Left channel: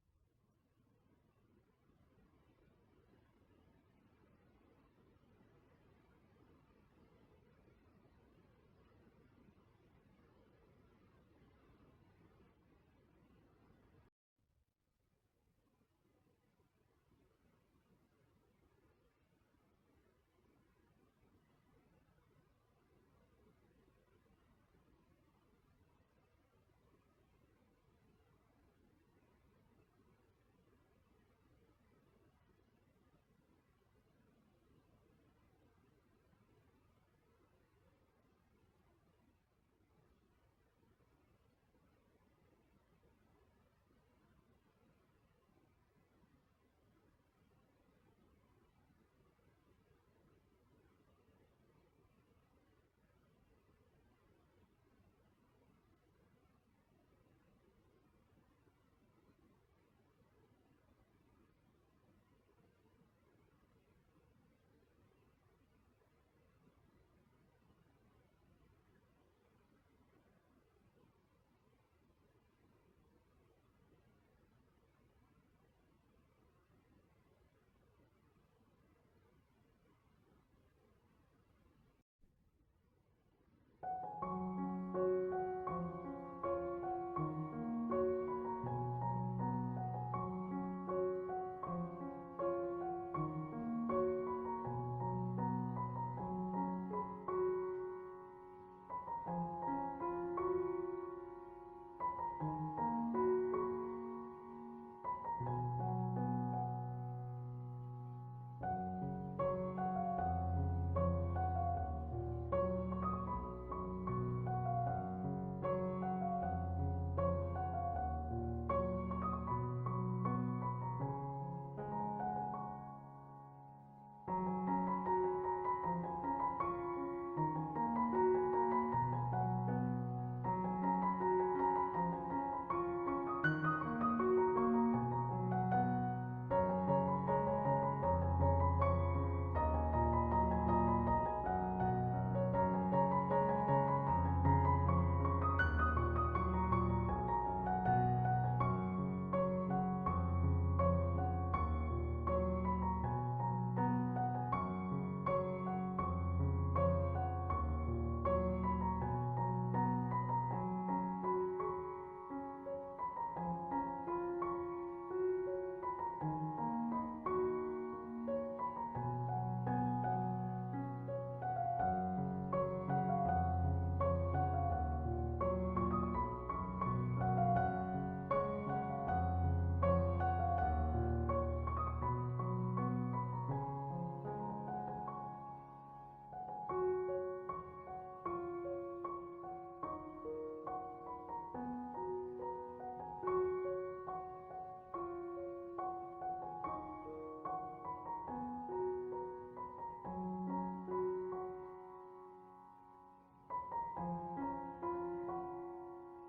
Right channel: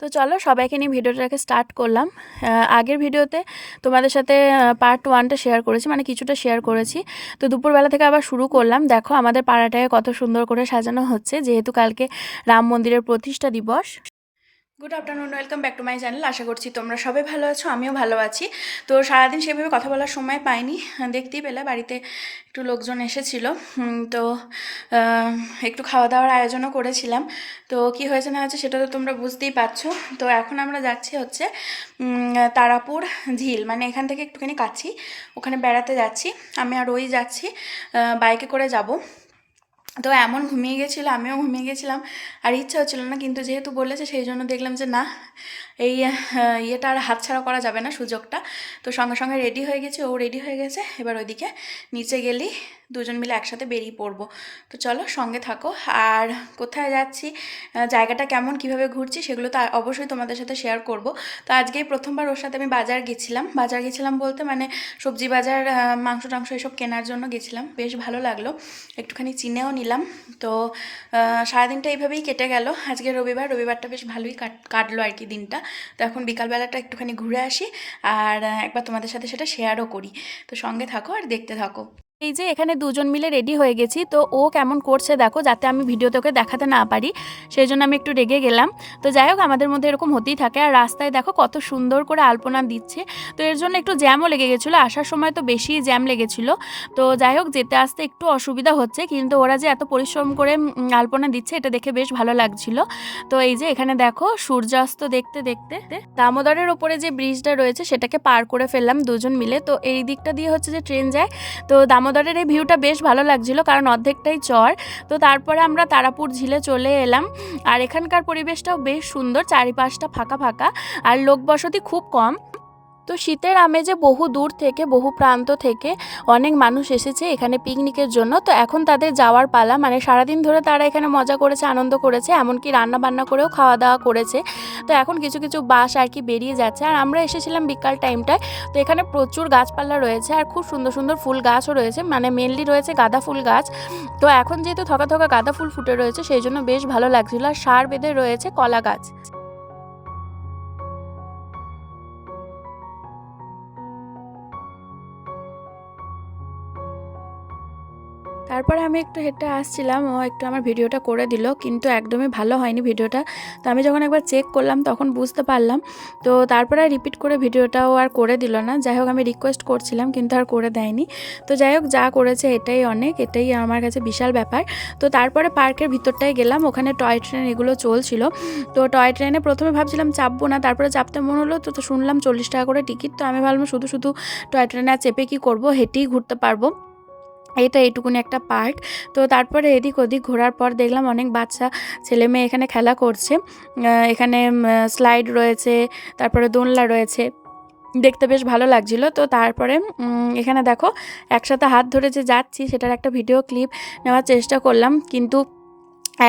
তো চলো সবাইকে নিয়ে ভিডিওটাকে স্টার্ট করলাম। আগের ভিডিওতে তোমাদের সাথে পার্ট 1টা শেয়ার করেছি, মানে কিছুটা শেয়ার করেছি। তো দুপুরবেলা থেকে আবার শুরু করলাম। দেখো আমাদের পাড়াটাকে কত সুন্দর করে সাজানো হচ্ছে, যেহেতু কালকে রাম মন্দিরের প্রতিষ্ঠা দিবস। Good afternoon, welcome back to my channel. আশা করছি তোমরা সবাই ভালো আছো, আমিও ভালো আছি। তো সারাদিন সেভাবে কথা বলার সময় পাইনি, দেখতেই পেলে বাড়িতে একটু লোকজন এসেছিল। তো একটু খাওয়া দাওয়ার আয়োজনও করেছিলাম। তো কি হয়েছে না হয়েছে সেটা তো তোমরা বুঝতেই পারছো। তো এখন আমরা যাচ্ছি হচ্ছে তারাপুর ঝিল, মানে এখান থেকে একটুখানি কাছি, ওখানে বেড়াতে যাচ্ছি। আমি আর ওই যাচ্ছি, বাইকে করে যাব। তো এমন ঘুমিয়ে গেছিলো, আমিও ঘুমিয়ে গেছিলাম, আর ইচ্ছা হচ্ছিলো না, কিন্তু যেহেতু বলেছে সেই জন্য দেখলাম যে না, এই ইয়েটা আর হাতছাড়া করা যাবে না, সুযোগটা। তো সঙ্গে সঙ্গে রেডি হয়ে গেছে, ও রেডি হয়ে গেছে। এবার ওইদিকে নিচে গেলেই দুজন মিলে একসাথে বেরিয়ে পড়বো। তো চলো সঙ্গে থাকো। আর কোথায় যাচ্ছি, জায়গাটা কেমন, কিভাবে ঘুরছি, সেগুলো তো অবশ্যই তোমাদের সাথে শেয়ার করব। তো আজকেই প্রথমবার ওর সাথে আমি বাজার গেছিলাম বলতে মানে সবজি বাজার, মাংস টাংস এসব কেনার জন্য গেছিলাম। বেশ ভালো লাগলো, একটুখানি চিনেও নিলাম। তো সারাদিনটা এইভাবেই কেটে গেল। আজকে রবিবারটা বেশ ভালোই কাটলো আর কি দিনটা। তো এখন বিকালবেলাটা একটুখানি ঘুরে আসি, আর একবার তোমাদের সাথে সেটা শেয়ারও করি। তো সঙ্গে থাকো আর দেখতে থাকো। এই যে এখানে দুজন মিলে রেডি হয়ে গেছি। তো ও কেমন করছে দেখো, যাতে আমি ভিডিওতে ওকে দেখাতে না পারি, সেই জন্য আমি একটু রেগে গেলাম। তো যাই হোক, আমাদের মধ্যে এরকম হতেই থাকে। আর রাস্তায় দেখো কত সুন্দর করে আলপনা দিচ্ছে। তো এর জন্য একটু জ্যামও লেগে গেছিলো, আসার সময় তো বেশি জ্যাম লেগেছিলো। তো যাই হোক, যেতে আসতে একটু অসুবিধা হচ্ছে, কিন্তু ওরা যে এত পরিশ্রম করে আলপনা দিচ্ছে এটা দেখে বেশ ভালো লাগছিল। তো এই যে এখানে দেখো সূর্যাস্ত দেখতে দেখতে দামোদরের ওপরে যে ব্রিজটা রয়েছে সেটাকে পার করে ফেললাম দুজন মিলে। তো এই দিকটা দিয়ে হচ্ছে যে ট্রেন যায়। তো দামোদরের এই ভিউটা বেশ ভালো লাগছিল, কারণ অর্ধেকটাই চর। তো তারপরে আমরা তারাপুর ঝিলে চলে এলাম। আর এখানকার পরিবেশটাও বেশ সুন্দর, চারিপাশটা ফাঁকা ফাঁকা, আর লোকবসতি খুব কম। তো শীতের আমেজে বহু দূর থেকে, বহু প্রান্ত থেকে অনেক মানুষ এসেছে এখানে পিকনিকের জন্য। তো এখন তাদের যাওয়ার পালা, মানে সারাদিন ধরে তারা এখানে মজা করেছে, আনন্দ করেছে, এমনকি রান্না বান্না করেও খাওয়া দাওয়া করেছে। তো এখন কিছু কিছু বাস আর কি বেরিয়ে যাচ্ছে। আর আমরা এসেছিলাম বিকাল টাইমটায়। তো এখানে প্রচুর গাছপালা রয়েছে, আর খুব সুন্দর সুন্দর ফুল গাছও রয়েছে, মানে মেনলি রয়েছে গাঁদা ফুল গাছ। তো এখন যেহেতু থকা থকা গাঁদা ফুল ফুটে রয়েছে, সেই জন্য বেশ ভালো লাগছিল। আর সার বেঁধে রয়েছে কলা গাছ। তারপরে আমি একটু হেঁটে আসছিলাম, ও একটু আমার ভিডিওটা করে দিল, কিন্তু একদমই ভালো হয়নি ভিডিওটা। তো আমি যখন একবার চেক করলাম তখন বুঝতে পারলাম। তো তারপরে রিপিট করে ভিডিওটাও আর করে দিল না। যাই হোক, আমি রিকোয়েস্ট করছিলাম কিন্তু আর করে দেয়নি। তো যাই হোক, যা করেছে এটাই অনেক, এটাই আমার কাছে বিশাল ব্যাপার। তো তারপরে পার্কের ভিতরটায় গেলাম, ওখানে টয় ট্রেন এগুলো চলছিল। তো টয় ট্রেনে প্রথমে ভাবছিলাম চাপবো না, তারপরে চাপতে মনে হলো। তো শুনলাম 40 টাকা করে টিকিট। তো আমি ভাবলাম শুধু শুধু টয় ট্রেনে আর চেপে কী করবো, হেঁটেই ঘুরতে পারবো, এটা এইটুকুনি একটা পার্ক। তো তারপরে এদিক ওদিক ঘোরার পর দেখলাম অনেক বাচ্চা ছেলে মেয়ে এখানে খেলা করছে। এখানে স্লাইড রয়েছে, তারপরে দোলনা রয়েছে, দেখতে বেশ ভালো লাগছিল। তো তারপরে এখানে দেখো একসাথে হাত ধরে যে যাচ্ছি সেটার একটা ভিডিও ক্লিপ নেওয়ার চেষ্টা করলাম, কিন্তু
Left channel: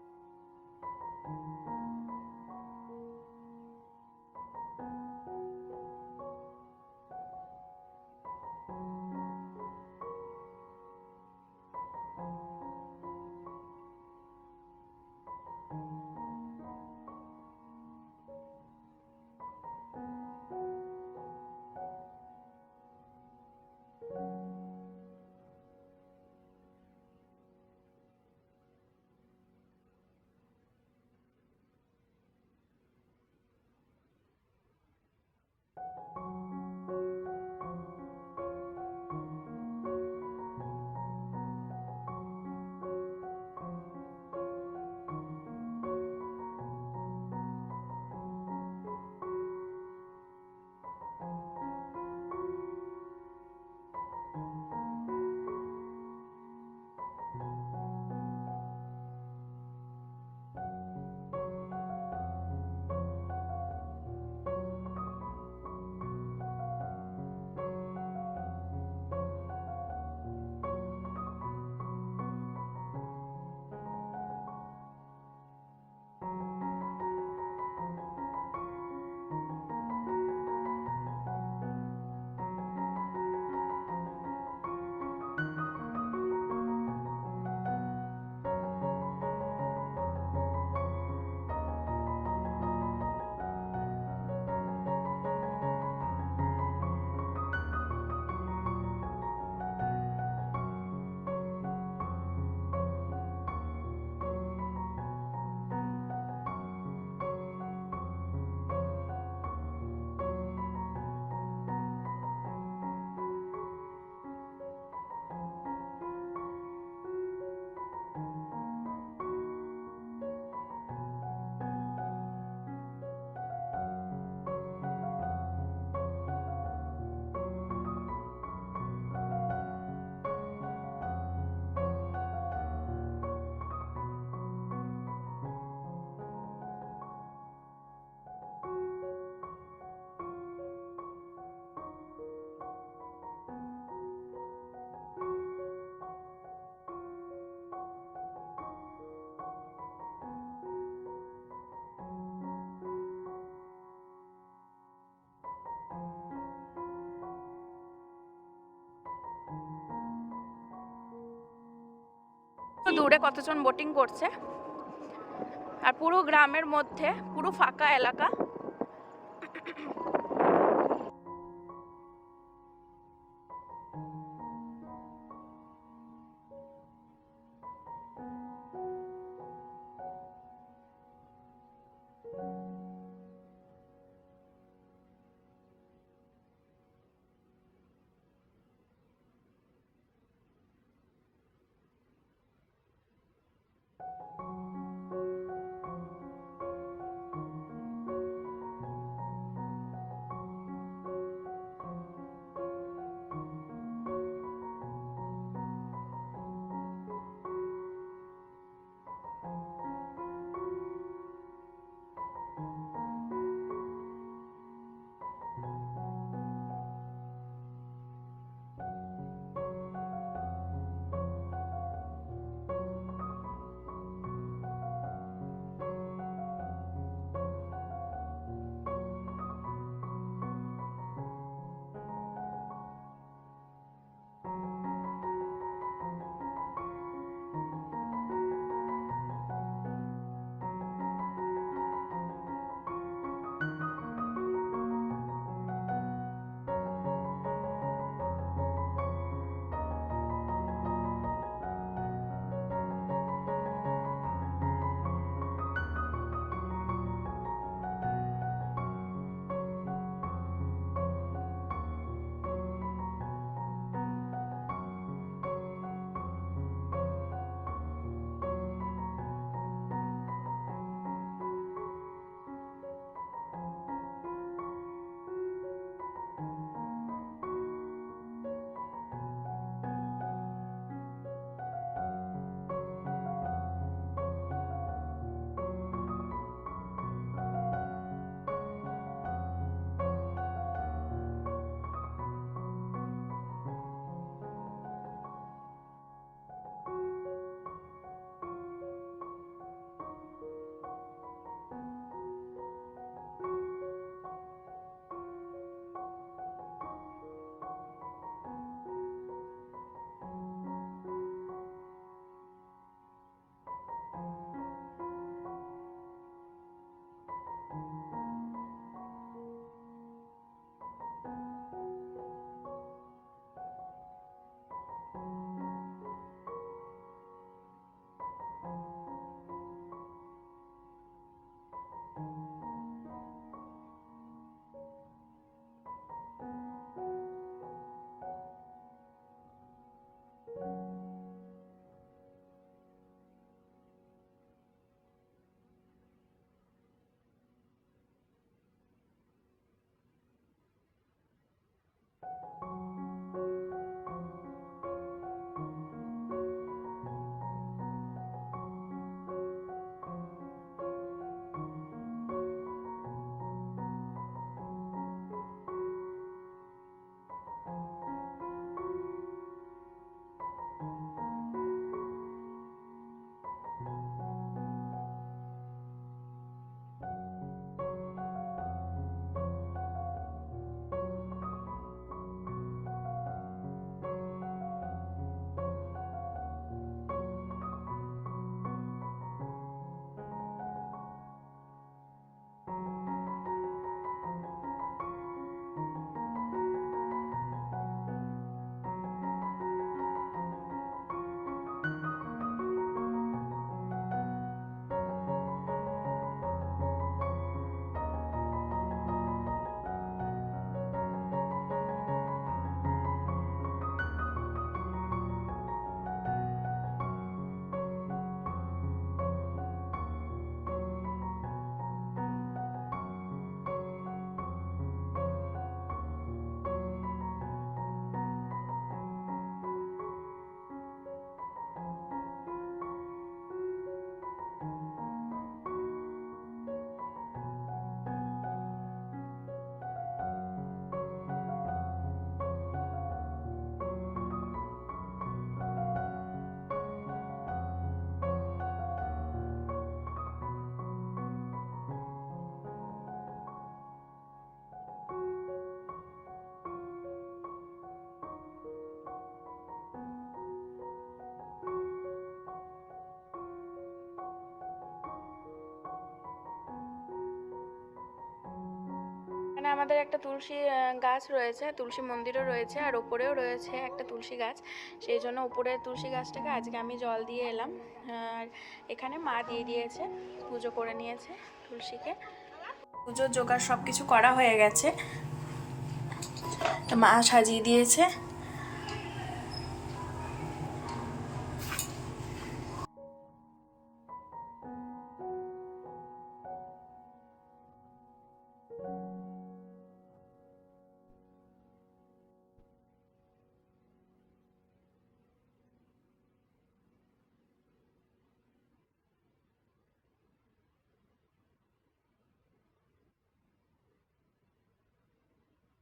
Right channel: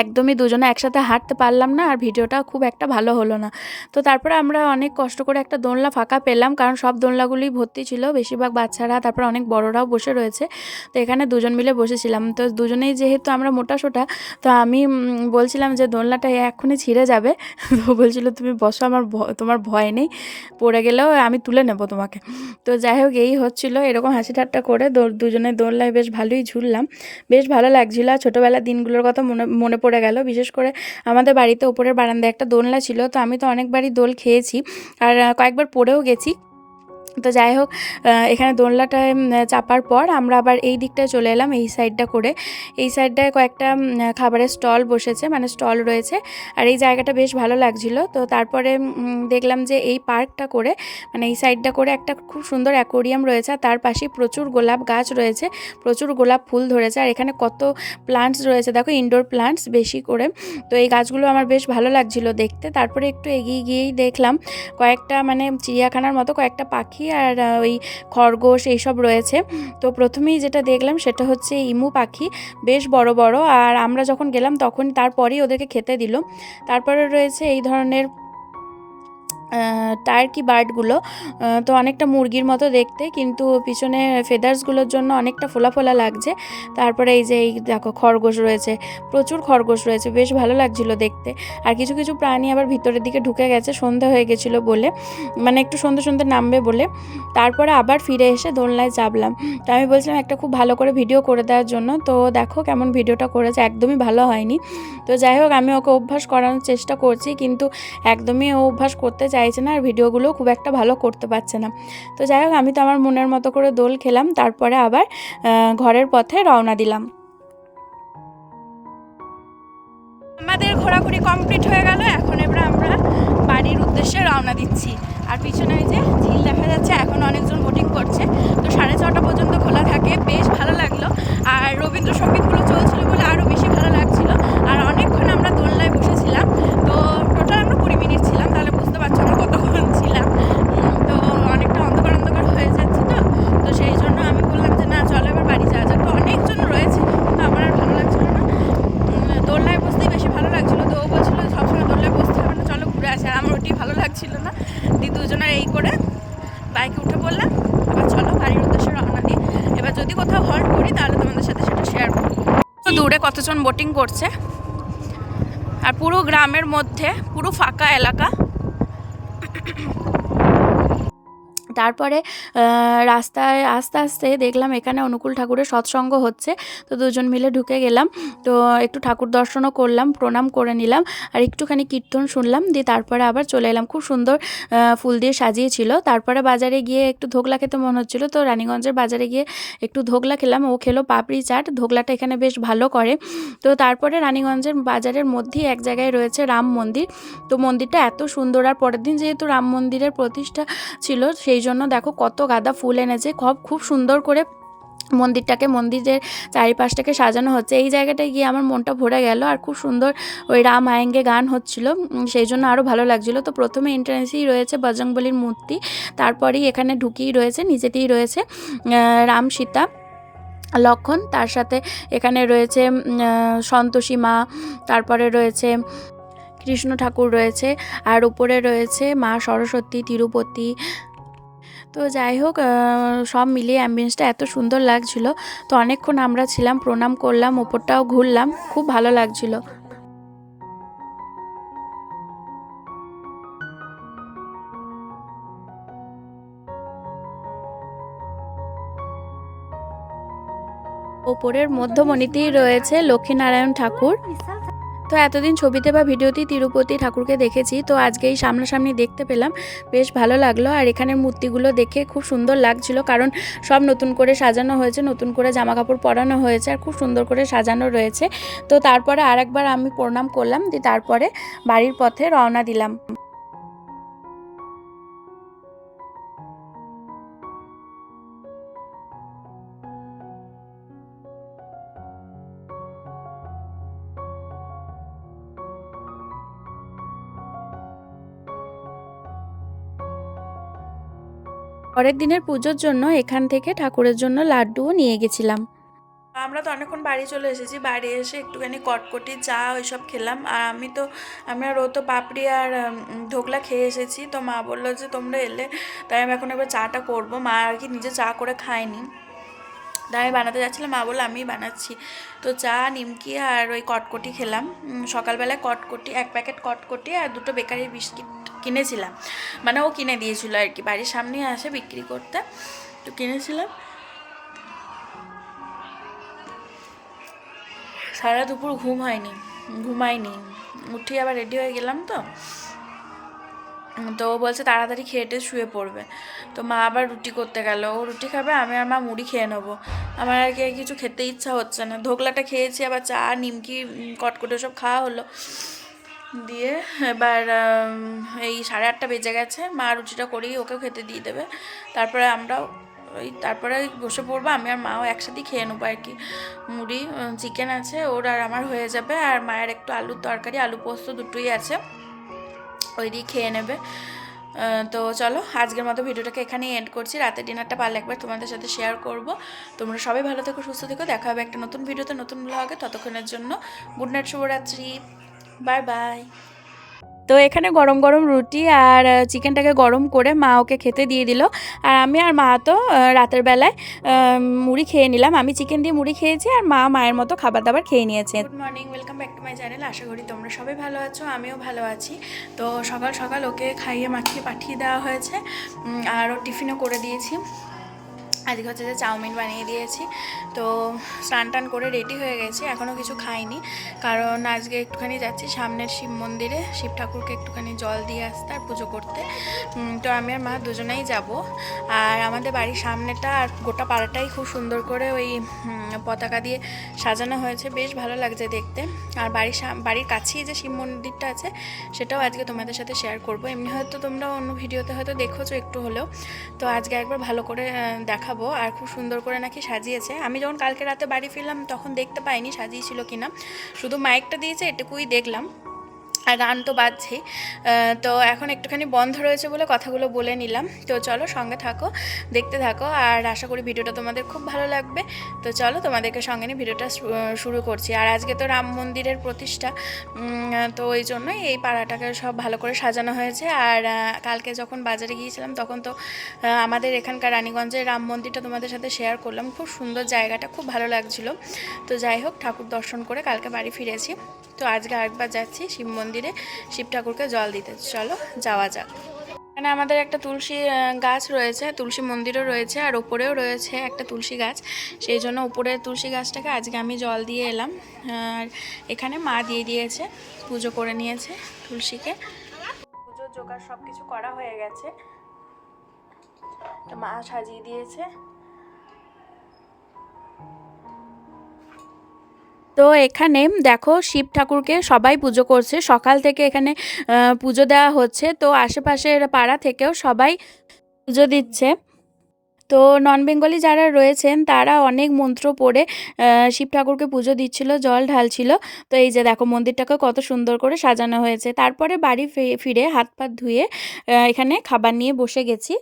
একদমই দুজনে একসাথে হাঁটতে পারলাম না, আর ভিডিওটা খুব একটা ভালো হলো না। তো তারপরে আমরা অনেক কষ্ট করে একটা দোলনা ফাঁকা পেলাম, কারণ সব দোলনাগুলি ভর্তি ছিল, বেশিরভাগ বাচ্চারা, তারপরে অনেক বড়রাও বসে রয়েছে। তো এখানে দুজন মিলে বসেছিলাম। তো দুজনেই যেহেতু আমরা মোটা সোটা, তো আমি বলছিলাম যে দোলনাটা এক্ষুনি ছিঁড়ে যাবে। তো বলছিল তুমি বসো, তোমার ভয় নেই, পড়ে গেলেও আমি তুলে নেব তোমাকে। তো যাই হোক, এই হচ্ছিলো, এরকম হাসি ঠাট্টা করে দুজনে দোলনায় বেশ ভালোই ঝুললাম, বেশ ভালো লাগছিল। আর ছোটোবেলার দিনগুলোর কথা মনে মনে পড়ে গেল। বিশেষ করে আমাদের বাড়িতে ওপরের বারান্দায় একটা দোলনা ছিল। তো আমি তো অনেকবারই দোল খেয়েছি, আর কয়েকবার পড়েও গেছি। তো যাই হোক, এখানে দোলনাটায় চাপার পর আমরা আবার এই দিকটায় চলে এলাম, এই সাইডটা করে। এই সাইডটায় কয়েকটা খাবারের স্টল বসেছে, মানে স্টল রয়েছে, আর এই জায়গাটা বেশ ভালো লাগছিল। তো তারপরে দেখলাম যে এই পার্কটা করে, মানে এই সাইডটা করে একটা খুব সুন্দর অ্যাকোরিয়াম রয়েছে, আর তার পাশে প্রচুর গোলাপ গাছ রয়েছে, প্রচুর গোলাপ ফুল ধরেছে। আর এখানে কত প্লান্টস রয়েছে দেখো, ইনডোর প্লান্টস বেশি করে। তো এই গাছগুলো আমার বেশ ভালো লাগছিল দেখতে। তারপরে একটু এগিয়ে গিয়েই দেখলাম কয়েকটা, মানে চিড়িয়াখানার মতো কয়েকটা পাখি আর ওই খরগোশ এইসব রয়েছে। তো প্রথমেই যেটা দেখলাম সেটা হচ্ছে ইমু পাখি, বেশ বড় বড়। আর আমরা যখন গেলাম তখন তারপরেই ওদেরকে খেতে দিল। তারপরে রয়েছে এই ধরনের টার্কি বার্ডগুলো। তো অনেকটা মুরগির মতো দেখতে, কিন্তু পিছনে ফেদার্সগুলোর জন্য অনেকটা ফোলা ফোলা লাগছে। তারপরে এই যে এই দেখো খরগোশ রয়েছে, প্রচুর খরগোশ রয়েছে, বেশ ভালো লাগছিলো দেখতে। আর কিছু কিছু প্রাণী আবার ভিতরের দিকে ঢুকে গেছে সন্ধ্যা হয়ে গেছিলো বলে, মানে একটু সন্ধ্যে সন্ধ্যে নামবে বলে। তারপরে আবার ফিরে এসে দোলনায় চাপলাম। তো আমি বলছিলাম একটা খুব ভালো করে ভিডিও করে দেওয়ার জন্য, তো দেখো কেমন ভিডিওটা করেছে, একদমই ভালো হয়নি। তো যাই হোক, আমি ওকে অভ্যাস করানোর চেষ্টা করছি, কিন্তু একদমই ও অভ্যাস করতে চাইছে না, আর ভিডিওগুলো খুব একটা ভালো করতে পারছে না। তো যাই হোক, আমি তো আমার মনের মতো করে দোল খেলাম, তারপরে আবার ঘরের পথে রওনা দিলাম। আমাদের ঘোরাঘুরি কমপ্লিট হয়ে গেল, এখন এবার আমরা বাড়ির উদ্দেশ্যে রওনা দিচ্ছি। আর পিছনে যে ঝিল দেখা যাচ্ছে, এখন অনেকজন বোটিং করছে। তো 6:30 পর্যন্ত খোলা থাকে, বেশ ভালো লাগলো। আর রবীন্দ্রসঙ্গীতগুলো চলছিল বলে আরও বেশি ভালো লাগছিল। আর অনেকক্ষণ আমরা দোলনায় বসেছিলাম। তো টোটাল আমরা 20 মিনিট ছিলাম, তাহলে বুঝতে পারছো আমরা কতক্ষণ ছিলাম। তো অনেকটা অন্ধকার অন্ধকার হয়ে যাচ্ছে, তো সেই জন্য আমি বললাম যে না চলো এবার বাড়ি যাওয়া যাক। তো অনেকজন রয়েছে, কিন্তু আমার আর ভালো লাগছিল না, দোলনায় বসতেই বেশি ভালো লাগছিলো। তো ও বলছিল সবসময় দোলনায় বসতে হবে না, চলো ঘুরে আসে। আমার ওটি ভালো লাগছিল না, দুজনের এই করে বাইকে উঠে পড়লাম। এবার চলো বাড়ির উদ্দেশ্যে রওনা দিই। এবার যদি কোথাও হল্ট করি তাহলে তোমাদের সাথে সেটা শেয়ার করবো। দূরে কতজন বোটিং করছে, আর পুরো গ্রামের মধ্যে পুরো ফাঁকা এলাকা। তারপরে রাস্তায় আস্তে আস্তে দেখলাম এখানে অনুকূল ঠাকুরের সৎসঙ্গ হচ্ছে। তো দুজন মিলে ঢুকে গেলাম, তো একটু ঠাকুর দর্শনও করলাম, প্রণাম করে নিলাম, আর একটুখানি কীর্তন শুনলাম, দিয়ে তারপরে আবার চলে এলাম। খুব সুন্দর ফুল দিয়ে সাজিয়েছিল। তারপরে বাজারে গিয়ে একটু ধোকলা খেতে মনে হচ্ছিলো, তো রানীগঞ্জের বাজারে গিয়ে একটু ধোকলা খেলাম। ও খেলো পাপড়ি চাট, ধোকলাটা এখানে বেশ ভালো করে। তো তারপরে রানীগঞ্জের বাজারের মধ্যেই এক জায়গায় রয়েছে রাম মন্দির। তো মন্দিরটা এত সুন্দর, আর পরের দিন যেহেতু রাম মন্দিরের প্রতিষ্ঠা ছিল, সেই জন্য দেখো কত গাঁদা ফুল এনেছে, খুব সুন্দর করে মন্দিরের চারিপাশটাকে সাজানো হচ্ছে। এই জায়গাটায় গিয়ে আমার মনটা ভরে গেল, আর খুব সুন্দর ওই রাম আয়েঙ্গে গান হচ্ছিল, সেই জন্য আরও ভালো লাগছিলো। তো প্রথমে এন্ট্রান্সেই রয়েছে বজরংবলীর মূর্তি, তারপরেই এখানে ঢুকিয়েই রয়েছে, নিচেতেই রয়েছে রাম সীতা লক্ষণ, তার সাথে এখানে রয়েছে সন্তোষী মা, তারপরে রয়েছে কৃষ্ণ ঠাকুর রয়েছে, আর উপরে রয়েছে মা সরস্বতী, তিরুপতি। তো যাই হোক, সব মিলিয়ে অ্যাম্বিয়েন্সটা এত সুন্দর লাগছিল। তো অনেকক্ষণ আমরা ছিলাম, প্রণাম করলাম, ওপরটাও ঘুরলাম, খুব ভালো লাগছিল। ওপরের মধ্যমণিতেই রয়েছে লক্ষ্মীনারায়ণ ঠাকুর। তো এতদিন ছবিতে বা ভিডিওতেই তিরুপতি ঠাকুরকে দেখেছি, তো আজকে এই সামনাসামনি দেখতে পেলাম, বেশ ভালো লাগলো। আর এখানের মূর্তিগুলো দেখে খুব সুন্দর লাগছিল, কারণ সব নতুন করে সাজানো হয়েছে, নতুন করে জামা কাপড় পরানো হয়েছে, আর খুব সুন্দর করে সাজানো রয়েছে। তো তারপরে আরেকবার আমি প্রণাম করলাম, দিয়ে তারপরে বাড়ির পথে রওনা দিলাম। পরের দিনের পুজোর জন্য এখান থেকে ঠাকুরের জন্য লাড্ডুও নিয়ে গেছিলাম। আমরা তো অনেকক্ষণ বাড়ি চলে এসেছি, বাড়ি এসে একটুখানি কটকটি চা ওইসব খেলাম। আর আমরা রো তো পাপড়ি আর ধোকলা খেয়ে এসেছি। তো মা বললো যে তোমরা এলে, তাই আমি এখন এবার চাটা করবো। মা আর কি নিজে চা করে খায়নি, তাই আমি বানাতে যাচ্ছিলাম, মা বললো আমিই বানাচ্ছি। তো চা, নিমকি আর ওই কটকটি খেলাম। সকালবেলায় কটকটি, 1 প্যাকেট কটকটি আর 2টো বেকারি বিস্কিট কিনেছিলাম, মানে ও কিনে দিয়েছিল আর কি, বাড়ির সামনেই আসে বিক্রি করতে, তো কিনেছিলাম। সারা দুপুর ঘুমাইনি, উঠি আবার রেডি হয়ে গেলাম। তো ও বলছে তাড়াতাড়ি খেয়ে শুয়ে পড়বে। তো মা আবার রুটি করতে গেল, ও রুটি খাবে, আমি আর মা মুড়ি খেয়ে নেবো। আমার আর কি কিছু খেতে ইচ্ছা হচ্ছে না। ধোকলাটা খেয়েছি, আবার চা, নিমকি, কটকটে সব খাওয়া হলো। দিয়ে এবার এই 8:30 বেজে গেছে, মা রুটিটা করেই ওকেও খেতে দিয়ে দেবে, তারপরে বসে পড়বো। আমি আর মাও একসাথেই খেয়ে নেবো আর কি। মুড়ি, চিকেন আছে ওর আর আমার হয়ে যাবে, আর মায়ের একটু আলুর তরকারি, আলু পোস্ত দুটোই আছে, ওই দিয়ে খেয়ে নেবে। তো চলো আজকের মতো ভিডিওটাকে এখানেই এন্ড করছি। রাতের ডিনারটা পারলে একবার তোমাদের সাথে শেয়ার করব। তোমরা সবাই ভালো থেকো, সুস্থ থেকো, দেখা হবে একটা নতুন ভিডিওতে, নতুন ব্লগে। ততক্ষণের জন্য গুড নাইট, শুভরাত্রি, বাই বাই। তো এখানে গরম গরম রুটি আর চিকেনটাকে গরম করে মা ওকে খেতে দিয়ে দিল। আর আমি আর মা তো রাতের বেলায় মুড়ি খেয়ে নিলাম। আমি চিকেন দিয়ে মুড়ি খেয়েছি আর মা মায়ের মতো খাবার দাবার খেয়ে নিয়েছে। Good morning, welcome back to my channel. আশা করি তোমরা সবাই ভালো আছো, আমিও ভালো আছি। তো সকাল সকাল ওকে খাইয়ে মাখিয়ে পাঠিয়ে দেওয়া হয়েছে আর ও টিফিনও করে দিয়েছি। আজকে হচ্ছে যে চাউমিন বানিয়ে দিয়েছি। তো স্নান টান করে রেডি হয়ে গেছি, এখনও কিছু খাইনি কারণ আজকে একটুখানি যাচ্ছি সামনের শিব মন্দিরে, শিব ঠাকুরকে একটুখানি জল দিয়ে আসতে আর পুজো করতে। তো আমি আর মা দুজনেই যাব। আর আমাদের বাড়ির সামনেটা আর গোটা পাড়াটাই খুব সুন্দর করে ওই পতাকা দিয়ে সাজানো হয়েছে, বেশ ভালো লাগছে দেখতে। আর বাড়ির কাছেই যে শিব মন্দিরটা আছে সেটাও আজকে তোমাদের সাথে শেয়ার করব। এমনি হয়তো তোমরা অন্য ভিডিওতে হয়তো দেখেছো একটু হলেও, তো আজকে একবার ভালো করে দেখাবো। আর খুব সুন্দর করে নাকি সাজিয়েছে। আমি যখন কালকে রাতে বাড়ি ফিরলাম তখন দেখতে পাইনি সাজিয়েছিল কিনা, শুধু মাইকটা দিয়েছে এটুকুই দেখলাম, আর গান তো বাজছেই। তো এখন একটুখানি বন্ধ রয়েছে বলে কথাগুলো বলে নিলাম। তো চলো সঙ্গে থাকো, দেখতে থাকো, আর আশা করি ভিডিওটা তোমাদের খুব ভালো লাগবে। তো চলো তোমাদেরকে সঙ্গে নিয়ে ভিডিওটা শুরু করছি। আর আজকে তো রাম মন্দিরের প্রতিষ্ঠা, তো ওই জন্যই এই পাড়াটাকে সব ভালো করে সাজানো হয়েছে। আর কালকে যখন বাজারে গিয়েছিলাম তখন তো আমাদের এখানকার রানীগঞ্জের রাম মন্দিরটা তোমাদের সাথে শেয়ার করলাম। খুব সুন্দর জায়গাটা, খুব ভালো লাগছিলো। তো যাই হোক, ঠাকুর দর্শন করে কালকে বাড়ি ফিরেছি। তো আজকে আরেকবার যাচ্ছি শিব মন্দিরে শিব ঠাকুরকে জল দিতে। চলো যাওয়া যাক। এখানে আমাদের একটা তুলসী গাছ রয়েছে, তুলসী মন্দিরও রয়েছে, আর ওপরেও রয়েছে একটা তুলসী গাছ। সেই জন্য উপরের তুলসী গাছটাকে আজকে আমি জল দিয়ে এলাম। আর এখানে মা দিয়ে দিয়েছে, পুজো করে নিয়েছে তুলসীকে। পুজোর জোগাড় সব কিছু করা হয়ে গেছে, মা সাজিয়ে দিয়েছে। তো এখানে দেখো শিব ঠাকুরকে সবাই পুজো করছে, সকাল থেকে এখানে পুজো দেওয়া হচ্ছে। তো আশেপাশের পাড়া থেকেও সবাই পুজো দিচ্ছে। তো নন বেঙ্গলি যারা রয়েছেন তারা অনেক মন্ত্র পড়ে শিব ঠাকুরকে পুজো দিচ্ছিল, জল ঢালছিল। তো এই যে দেখো মন্দিরটাকে কত সুন্দর করে সাজানো হয়েছে। তারপরে বাড়ি ফিরে হাত পা ধুয়ে এখানে খাবার নিয়ে বসে গেছি।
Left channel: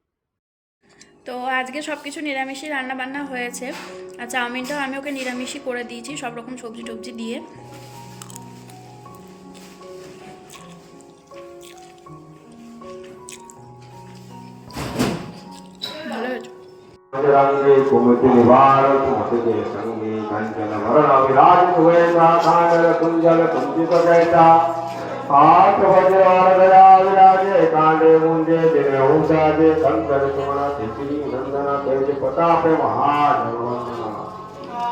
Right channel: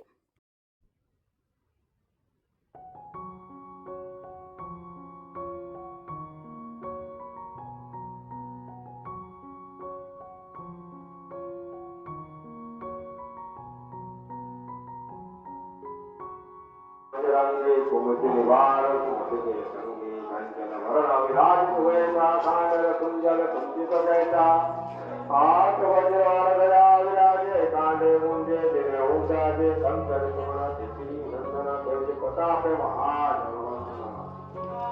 তো আজকে সব কিছু নিরামিষই রান্নাবান্না হয়েছে। আর চাউমিনটাও আমি ওকে নিরামিষই করে দিয়েছি, সব রকম সবজি টবজি দিয়ে। ভালো হয়েছে। रंगे कुमति निवार कुमति संगे कंचन वरण विराज सुवेशा कांडल कुंजल कुंजित कैसा हाथ वज्रवार गया विराजे कांडे मुंजे दिन ऊंचाजे कंकर सुमन तिथि नंदन तेज प्रताप महाधर्मना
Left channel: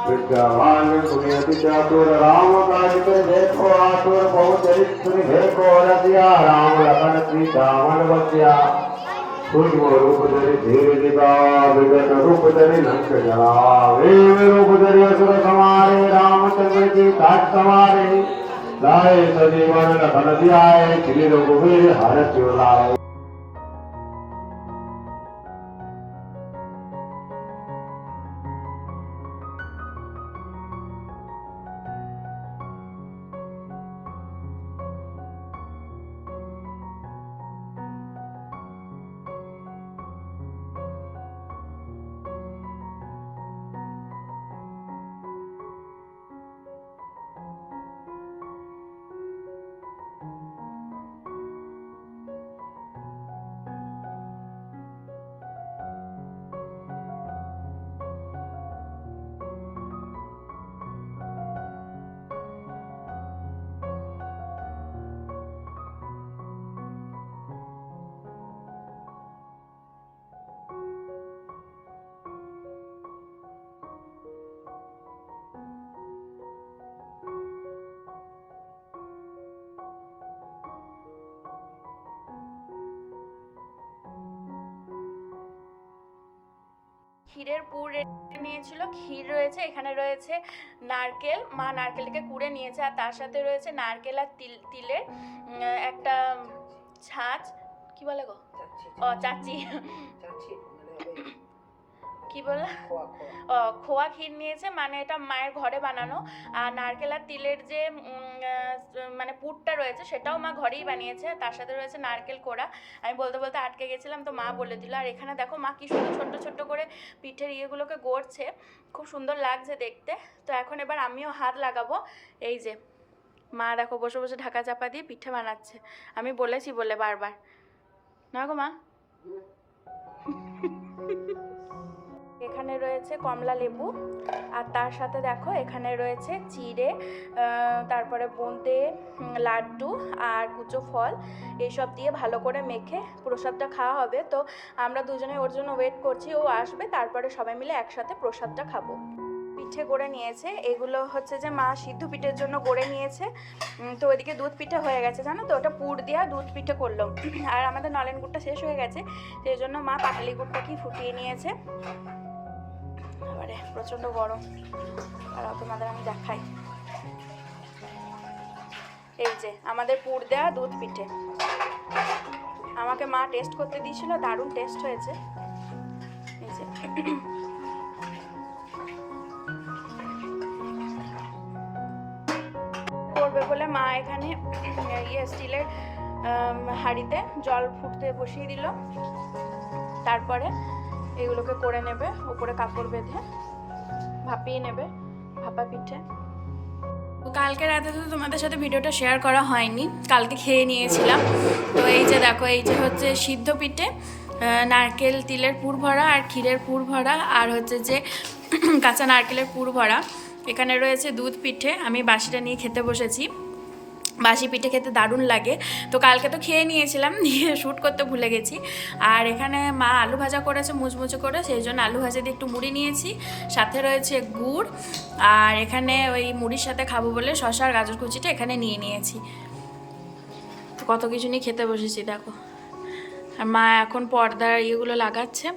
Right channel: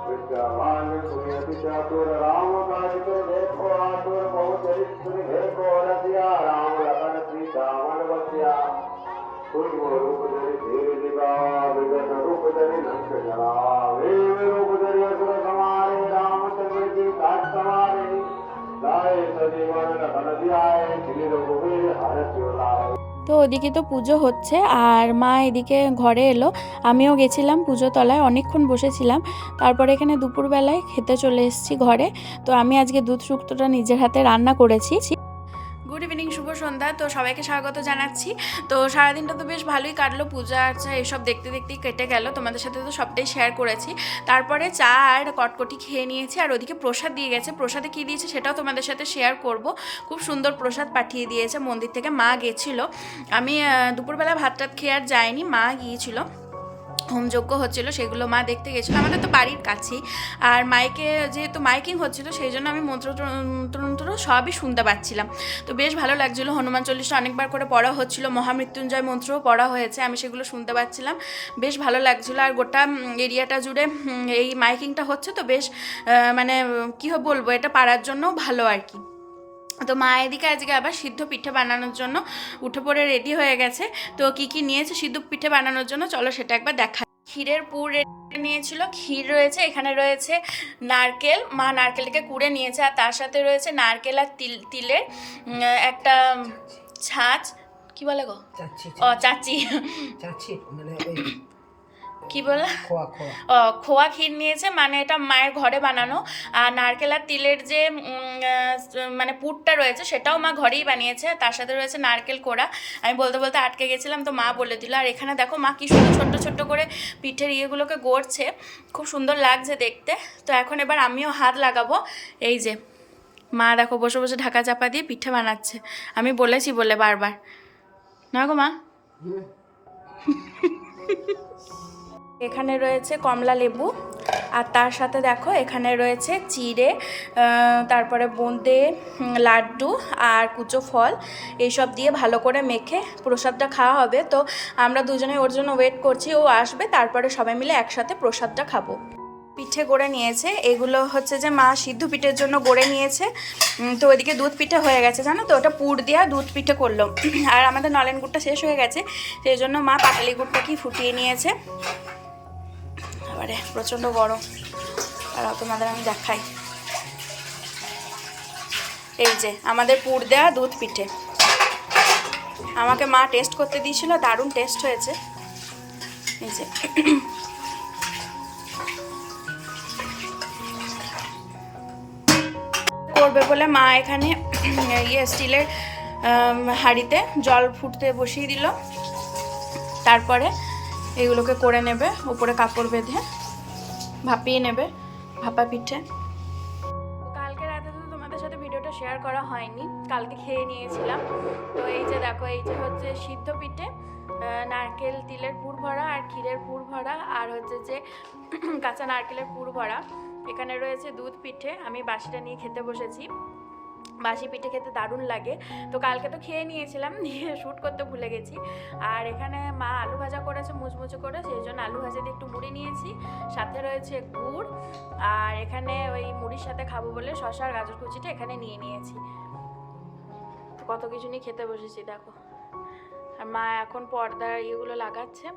विद्यावान सुनियति चातुर राम काज के देखो आतुर बहुत चरित्र देखो रसिया राम लखन सीता मन बसिया सूक्ष्म रूप धरि धीर दिखा विगत रूप धरि लंक जला वेव रूप धरि असुर समारे रामचंद्र की तात समारे लाए सजीवन लखन ध्याय श्री रघुवीर हरष लाए। তো ওদিকে তো পুজো হচ্ছে আর মা এদিকে ঘরে এলো, আমিও গেছিলাম পুজো তলায়, অনেকক্ষণ বসেছিলাম। তারপরে এখানে দুপুরবেলায় খেতে চলে এসেছি ঘরে। তো আমি আজকে দুধ শুক্তোটা নিজের হাতে রান্না করেছি। গুড ইভিনিং, শুভ সন্ধ্যা। তো সবাইকে স্বাগত জানাচ্ছি। তো সারাদিনটা তো বেশ ভালোই কাটলো, পূজা আর্চা এসব দেখতে দেখতেই কেটে গেল। তোমাদের সাথে তো সবটাই শেয়ার করেছি। তারপরে চা আর কটকটি খেয়ে নিয়েছি। আর ওদিকে প্রসাদ দিয়ে গেছে, প্রসাদে কী দিয়েছে সেটাও তোমাদের সাথে শেয়ার করব। খুব সুন্দর প্রসাদ পাঠিয়ে দিয়েছে মন্দির থেকে, মা গেছিলো। আমি দুপুরবেলা ভাত টাত খেয়ে আর যাইনি, মা গিয়েছিল, হোমযজ্ঞ হচ্ছিলো সেগুলো মা দেখতে গেছিলো। আমাদের তো বাড়ির কাছেই, আর মাইকে যেহেতু মাইকিং হচ্ছিলো সেই জন্য আমি মন্ত্র সবই শুনতে পাচ্ছিলাম। তো বেশ ভালো লাগছিলো। হনুমান চল্লিশটা অনেকবার করে পড়া হচ্ছিলো, মহামৃত্যুঞ্জয় মন্ত্রও পড়া হয়েছে, আমি সেগুলো শুনতে পাচ্ছিলাম, বেশ ভালো লাগছিলো। আর গোটা এরিয়াটা জুড়ে এই মাইকিংটা হচ্ছে, তো বেশ মানে কী বলবো, এটা পাড়ার জন্যও ভালো আর কি। তো মা এদিকে আজকে আবার সিদ্ধ পিঠে বানানোর জন্য উঠে পড়ে রেডি হয়ে গেছে। তো কি কি নিয়েছে সিদ্ধ পিঠে বানানোর জন্য চলো সেটা একবার দেখা। ক্ষীরের পুর নিয়েছিল, ক্ষীর রয়েছে, এখানে রয়েছে নারকেল, মা নারকেলকে কুড়ে নিয়েছে, আর তার সাথে রয়েছে নারকেল আর তিলের একটা ছাঁচ, কি বলে গো, ও চাচি, মানে কি বলে, খোয়া ক্ষীর নিয়েছে, মানে এটা মায়ের ঘরে বানানো। আর নারকেল আর তিলের যে মানে পুরটা রয়েছে সেটাও মা ঘরেই বানিয়েছে, তার সাথে রয়েছে নারকেল কোড়া। আমি বলতে বলতে আটকে গেছিলাম, তো মা বলে দিল। আর এখানে দেখো মা কি সুন্দর ছোট্ট ছোট্ট করে পিঠের ইয়েগুলোকে গড়ছে, খুব সুন্দর লাগছে দেখতে। তো এখন এবার আমিও হাত লাগাবো, এই যে মা দেখো বসে বসে ঢাকা চাপা দিয়ে পিঠে বানাচ্ছে, আমি বলেছি বলে বারবার। না গো মা। এখানে রয়েছে কমলা লেবু, আর তার সাথে দেখো এখানে রয়েছে চিড়ে, তারপরে বোঁদে, লাড্ডু আর কুচো ফল, এইসব দিয়ে ভালো করে মেখে প্রসাদটা খাওয়া হবে। তো আমরা দুজনে ওর জন্য ওয়েট করছি, ও আসবে তারপরে সবাই মিলে একসাথে প্রসাদটা খাবো। পিঠে গড়ে নিয়েছে, এগুলো হচ্ছে যে মা সিদ্ধ পিঠের জন্য গড়ে নিয়েছে। তো ওইদিকে দুধ পিঠে হয়ে গেছে জানো তো, ওটা পুর দেওয়া দুধ পিঠে করলো। আর আমাদের নলেন গুড়টা শেষ হয়ে গেছে, সেই জন্য মা পাটালি গুড়টাকেই ফুটিয়ে নিয়েছে। এবারে প্রচণ্ড গরম, আর তোমাদের আমি দেখাই। এই যে আমাদের পুর দেওয়া দুধ পিঠে, আমাকে মা টেস্ট করতে দিয়েছিল, দারুণ টেস্ট হয়েছে। এই যে করবে বলে মা এখানে স্টিলের হাঁড়িতে জল ফুটতে বসিয়ে দিল, তারপরে এগুলোকে করে নেবে, উপরে কাপড় বেঁধে ভাপিয়ে নেবে ভাপা পিঠে। কালকে রাতে তো তোমাদের সাথে ভিডিওটা শেয়ার করা হয়নি, কালকে খেয়ে নিয়েছিলাম। তো এই যে দেখো, এই যে হচ্ছে সিদ্ধ পিঠে, নারকেল তিলের পুর ভরা আর ক্ষীরের পুর ভরা, আর হচ্ছে যে কাঁচা নারকেলের পুর ভরা। এখানে রয়েছে দুধ পিঠে, আমি বাসিটা নিয়ে খেতে বসেছি। বাসি পিঠে খেতে দারুণ লাগে, তো কালকে তো খেয়ে নিয়েছিলাম, দিয়ে শ্যুট করতে ভুলে গেছি। আর এখানে মা আলু ভাজা করেছে মুচমুচে করে, সেই জন্য আলু ভাজা দিয়ে একটু মুড়ি নিয়েছি, সাথে রয়েছে গুড়, আর এখানে ওই মুড়ির সাথে খাবো বলে শসা আর গাজর কুচিটা এখানে নিয়ে নিয়েছি। তো কত কিছু নিয়ে খেতে বসেছি দেখো। আর মা এখন পর্দার ইয়েগুলো লাগাচ্ছে।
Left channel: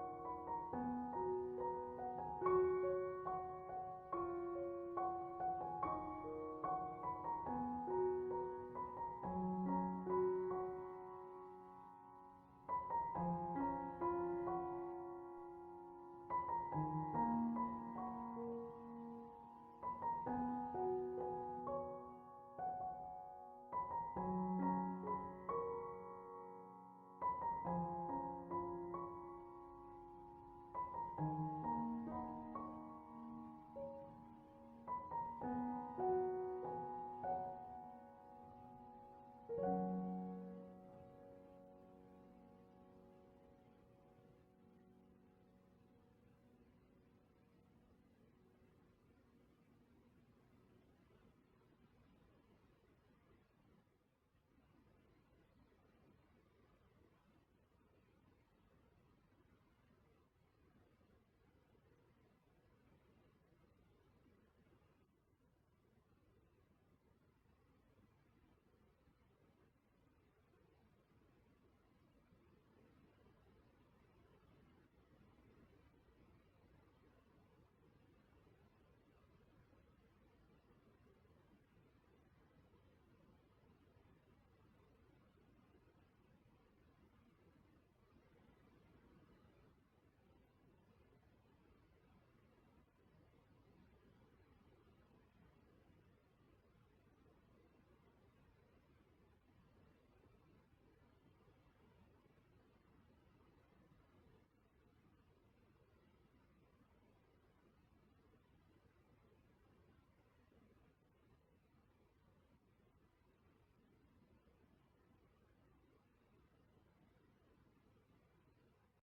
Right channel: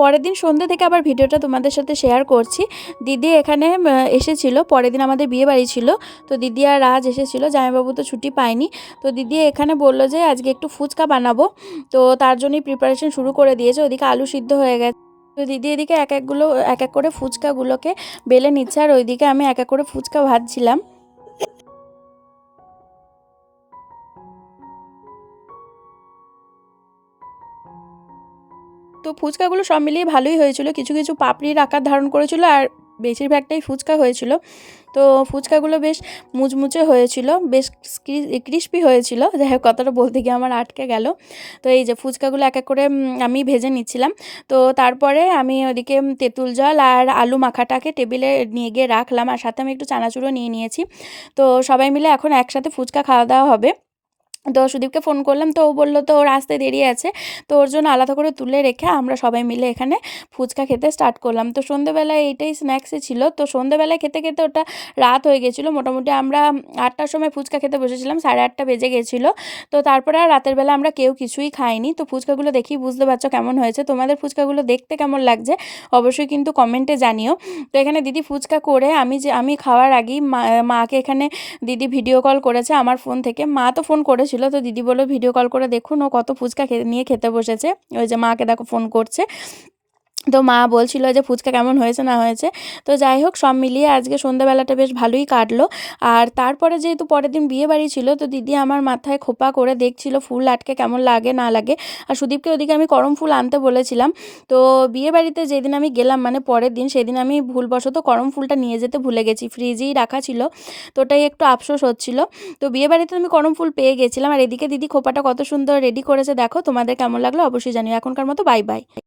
পরের দিন সন্ধ্যে থেকে আবার ভিডিওটা তোমাদের সাথে শেয়ার করছি। দিদি এখানে এসেছিল, পরের দিন আমাদের বিয়ে বাড়ি ছিল, তো দিদি আর রাজ এসেছিলো, জামাইবাবু তো ছুটি পায়নি। তো দিদি এখানে বললো যে আজকে একটু ফুচকা বানাবো, তো তার জন্যই প্রিপারেশন শুরু করে দিয়েছে। ওদিকে আলু সিদ্ধ হয়ে গেছে, তো দিদি এদিকে এক এক করে ফুচকাগুলোকে বেলে নিচ্ছে, আর ওইদিকে আমি এক এক করে ফুচকা ভাজছিলাম। তো ফুচকাগুলো সব মিলিয়ে ভালোই হয়েছিল, কিছু কিছু পাপড়ির আকার ধারণ করেছিল, আর বেশিরভাগটাই ফুচকা হয়েছিল। তো ফুচকাগুলো বেশ মুচমুচে হয়েছিল, বেশ ক্রিস্পি হয়েছিল। যাই হোক, কথাটা বলতে গিয়ে আমার আটকে গেল। তো এই যে ফুচকাগুলো এক এক করে আমি ভেজে নিচ্ছিলাম। তো তারপরে আমি ওদিকে তেঁতুল জল আর আলু মাখাটাকে টেবিলে নিয়ে গিয়ে রাখলাম, আর সাথে আমি একটু চানাচুরও নিয়ে নিয়েছি। তো সবাই মিলে এখন একসাথে ফুচকা খাওয়া দাওয়া হবে। তো সুদীপকে ফোন করলাম, তো ও বললো তো ওর আসতে দেরি আছে, তো ওর জন্য আলাদা করে তুলে রেখে আমরা সবাই মিলে এখানে ফুচকা খেতে স্টার্ট করলাম। তো সন্ধ্যেবেলায় এইটাই স্ন্যাক্সে ছিল, তো সন্ধ্যেবেলায় খেতে খেতে ওটা রাত হয়ে গেছিলো। মোটামুটি আমরা 8টার সময় ফুচকা খেতে বসেছিলাম, 8:30 বেজে গেছিলো। তো তারপরে আর রাতের বেলা আমরা কেউ কিছুই খাইনি। তো ফুচকাগুলো দেখেই বুঝতে পারছো কেমন হয়েছে, তোমাদের ফুচকাগুলো দেখতে কেমন লাগছে অবশ্যই কিন্তু কমেন্টে জানিও। তো এখানে দিদি ফুচকা করে আমি খাওয়ার আগেই মাকে এখানে দিদি ভিডিও কল করেছে আমার ফোন থেকে। মা তো ফোন করেছিল, তো দিদি বললো ভিডিও কল করে দেখুন ও কত ফুচকা নিয়ে খেতে বসেছে। ওই যে মাকে দেখো ফোন করছে, তো মা বলছিল যে ফুচকা কেমন হয়েছে না হয়েছে। তো যাই হোক, সব মিলিয়ে আজকে সন্ধ্যাবেলাটা বেশ ভালোই কাটলো। আর তারপরে যেহেতু পরের দিন বিয়ে বাড়ি ছিল, তো দিদি আমার মাথায় খোপা করে দেখছিল ফুল আটকে কেমন লাগে না লাগে। আর সুদীপকে ওদিকে আমি করম ফুল আনতে বলেছিলাম। তো বিয়ে বাড়িতে যেদিন আমি গেলাম, মানে পরের দিন, সেদিন আমি ভুলবশত করম ফুলটা নিয়ে যেতে ভুলে গেছি, ফ্রিজেই রাখা ছিল। তো ওটাই একটু আফসোস হচ্ছিল। তো বিয়ে বাড়িতে আমি করম ফুল পেয়ে গেছিলাম, আর এদিকে দিদি খোপাটা কত সুন্দর রেডি করেছে দেখো। তোমাদের কেমন লাগলো অবশ্যই জানিও। এখনকার মতো বাই বাই।